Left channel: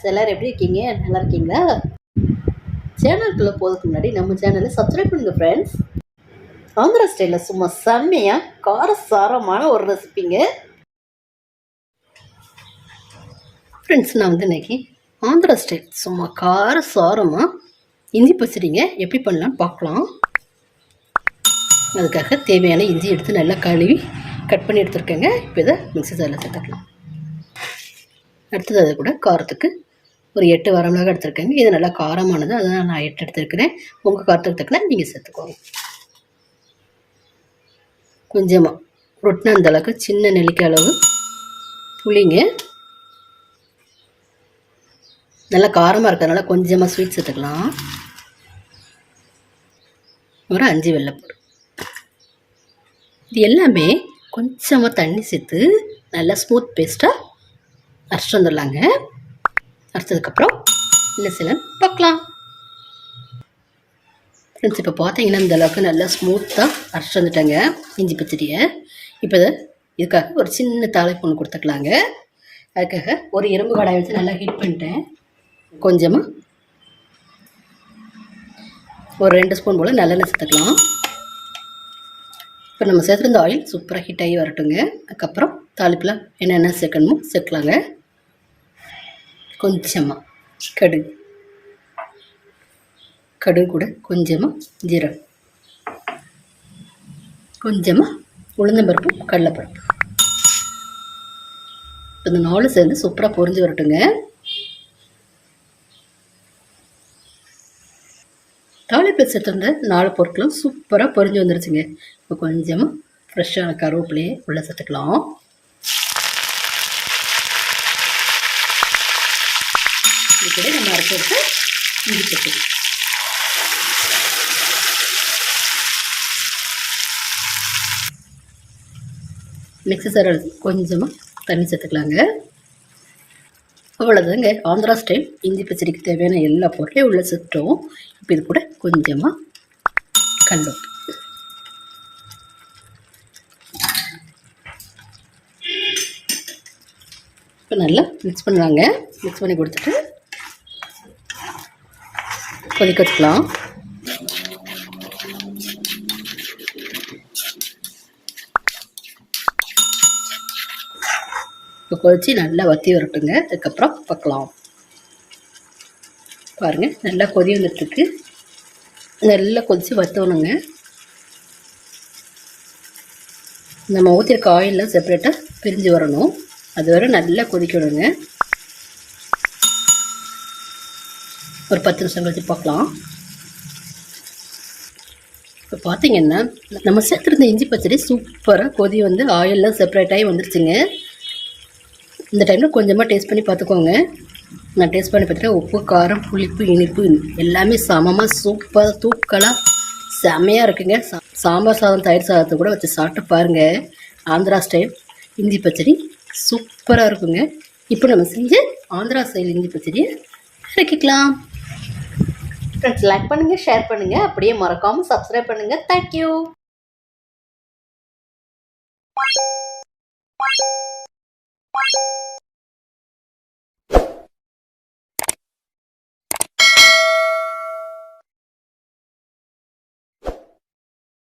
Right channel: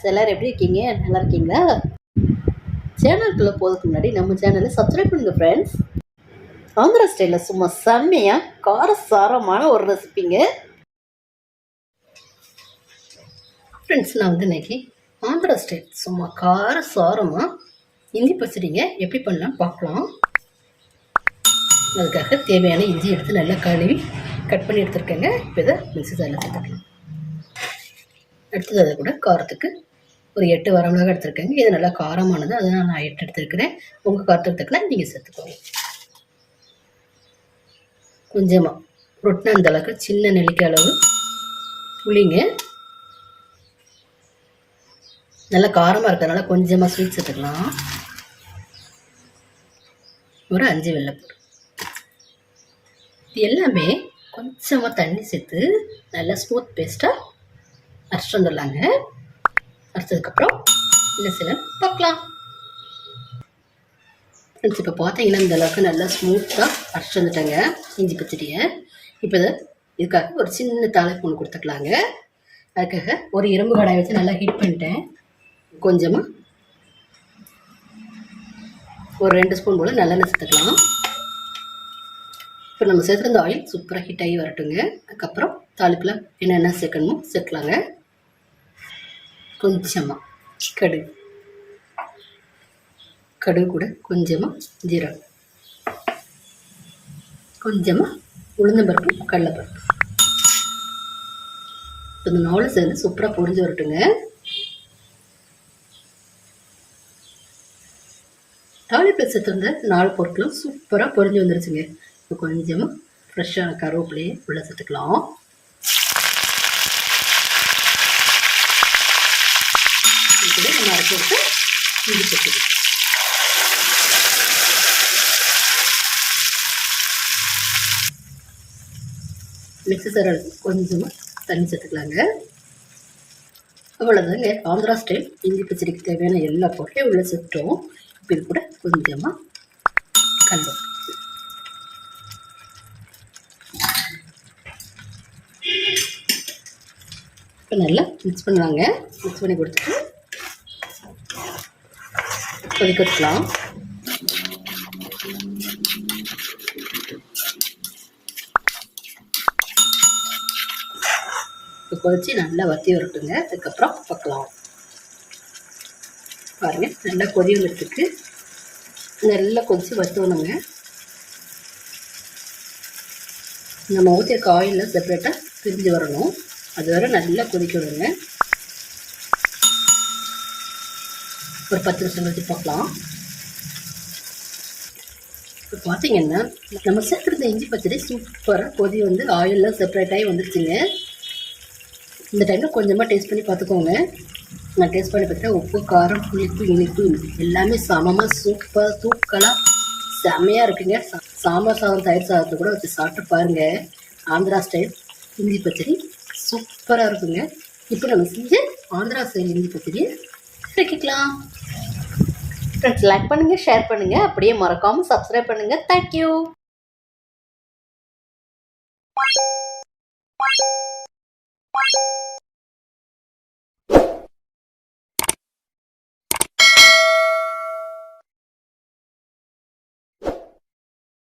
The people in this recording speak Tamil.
ஃப்ரெண்ட்ஸ், எல்லோரும் எப்படி இருக்கீங்க? நல்லா இருக்கீங்களா? சேனலுக்குள்ளே போகிறதுக்கு முன்னாடி நம்ம சேனலை சப்ஸ்கிரைப் பண்ணுங்கள் ஃப்ரெண்ட்ஸ். ஆந்திரா ஸ்டைலில் சும்மா செம்மையாக காரசாரமான ஒரு ரெசிபிங்க ஃப்ரெண்ட்ஸ். நான் வந்து இன்றைக்கி ஆந்திரா ஸ்டைல் சும்மா காரசாரமாக இஞ்சி பச்சடிங்க எப்படி பண்ணலான்னு பார்க்கலாம். அதுக்காக தேவையான இஞ்சி எடுத்து நல்லா கழுவி கட் பண்ணி எடுத்துருக்கேங்க. இப்போ இதை மிக்ஸி ஜாரில் சேர்த்துக்கலாம். அடுத்தது அதை கூட காரத்துக்கு ஒரு 8 வரமிளகாய் எடுத்துருக்கேங்க. இது நல்லா காரமானது, அதனால் நான் 8 எடுத்துருக்கிறேன். உங்கள் காரத்துக்கு தக்கன நீங்கள் சேர்த்துக்கோங்க. கொஞ்சமாக ரொட்டின அந்த அளவுக்கு சின்ன நெல்லிக்காய் அளவு புளிங்க. நல்லா காரமாக இருக்கிறதுனால கொஞ்சமாக ஸ்வீட் சேர்த்துக்கலாம். ஒரு 5 வெள்ளைப்பூடு. இது எல்லாமே கொஞ்சமாக தண்ணி சேர்த்து நல்லா ஸ்மூத் பேஸ்ட்டாக அரைச்சிட்டு வந்துடலாங்க. அரைச்சதுக்கப்புறம் என்ன செய்யலாம் பார்க்கலாம் ஃப்ரெண்ட்ஸ். இப்போ பார்த்தீங்கன்னா இந்த அளவுக்கு நல்லா ஸ்மூத்தாக அரைச்சிட்டு வந்துட்டாங்க இஞ்சி பச்சடியை. இப்போ இதுக்காக ஒரு சின்ன தாளிப்பு ஒன்று கொடுத்துக்கலாங்க. அதுக்காக ஒரு இரும்பு கடாய் வச்சு நல்லா ஹீட் பண்ணிட்டேன். கொஞ்சமாக ஒரு 2 ஸ்பூன் போல் நல்லெண்ணெய் சேர்த்துக்கலாம். இப்போ நம்ம சேர்த்துருந்த ஆயில் சூப்பராக ஹீட் ஆகி வரட்டுங்க. அதுக்கப்புறம் தாளிப்பில் என்னென்ன சேர்க்கணுமோ சேர்க்கலாங்க. கொஞ்சமாக கடுகு கூட கொஞ்சமாக ஜீரகம், கொஞ்சமாக உளுந்தம்பருப்பு, கடலைப்பருப்பு. இந்த 4 சேர்ந்து சூப்பராக பொரிஞ்சு வரட்டுங்க. தாளிப்பில் சேர்த்துருந்த 4 பொருட்களும் சூப்பராக பொரிஞ்சு வந்துருச்சுங்க. இப்போ கொஞ்சமாக ஃப்ரெஷ்ஷான கருவேப்பிலையே உள்ளே சேர்த்துக்கலாம். இது கூட நம்ம அரைச்சி விட்டு இஞ்சி பச்சடி. மிக்ஸி ஜாரில் கொஞ்சமாக தண்ணி சேர்த்துக்கலாங்க. அவ்வளோதாங்க, ஆந்திரா ஸ்டைல் இஞ்சி பச்சடிக்கு தேவையான எல்லா பொருளையும் உள்ளே சேர்த்துட்டோம். இப்போ இது கூட கொஞ்சமாக கல்லுப்பு, இப்போ நல்லா மிக்ஸ் பண்ணுவாங்க. மிக்ஸ் பண்ணி கொடுத்துட்டு கொதிக்க வச்சுக்கலாம். இப்போ கொதிச்சு நல்லா வற்றி வரட்டுங்க. அதுக்கப்புறம் பார்க்கலாம். பாருங்கள், நல்லா கொதி வந்துட்டுருக்கு. நல்லா கொதித்து வற்றணுங்க. நம்ம ஊற்றிருக்க ஆயிலெலாம் செப்பரேட்டாக பிரிஞ்சு வரணும். அது வரை நல்லா கொதிக்கணுங்க. ஒரு 10 நிமிஷம் கழிச்சு பார்க்கலாம். இப்போ பார்த்தீங்கன்னா நம்ம சேர்த்துருந்த இஞ்சி பச்சடி சூப்பராக கொதி வந்து ஆயிலெலாம் செப்பரேட் ஆகி வந்துருச்சுங்க. இந்த டைமில் கொஞ்சமாக டேஸ்ட் பண்ணி பார்த்துக்கோங்க. நான் டேஸ்ட் பண்ணி பார்த்துட்டேன். உப்பு, காரம், புளிப்பு, இனிப்பு எல்லாமே சமமாக சூப்பராக தூக்கலாக செம்மையாக இருக்குங்க. சாம்பார் சாதம், தயிர் சாதத்தை கூட வச்சு சாப்பிட்டு பாருங்கள். ஆந்திரா ஸ்டைல் இஞ்சி பச்சடி சூப்பராக இருக்குங்க. இப்போ நம்ம செஞ்ச ஆந்திரா ஸ்டைல் இஞ்சி பச்சடியை இறக்கிக்கலாம். ஃப்ரெண்ட்ஸ், லைக் பண்ணுங்கள், ஷேர் பண்ணுங்கள், அப்படியே மறக்காமல் சப்ஸ்கிரைப் பண்ணுங்கள். தேங்க்யூ.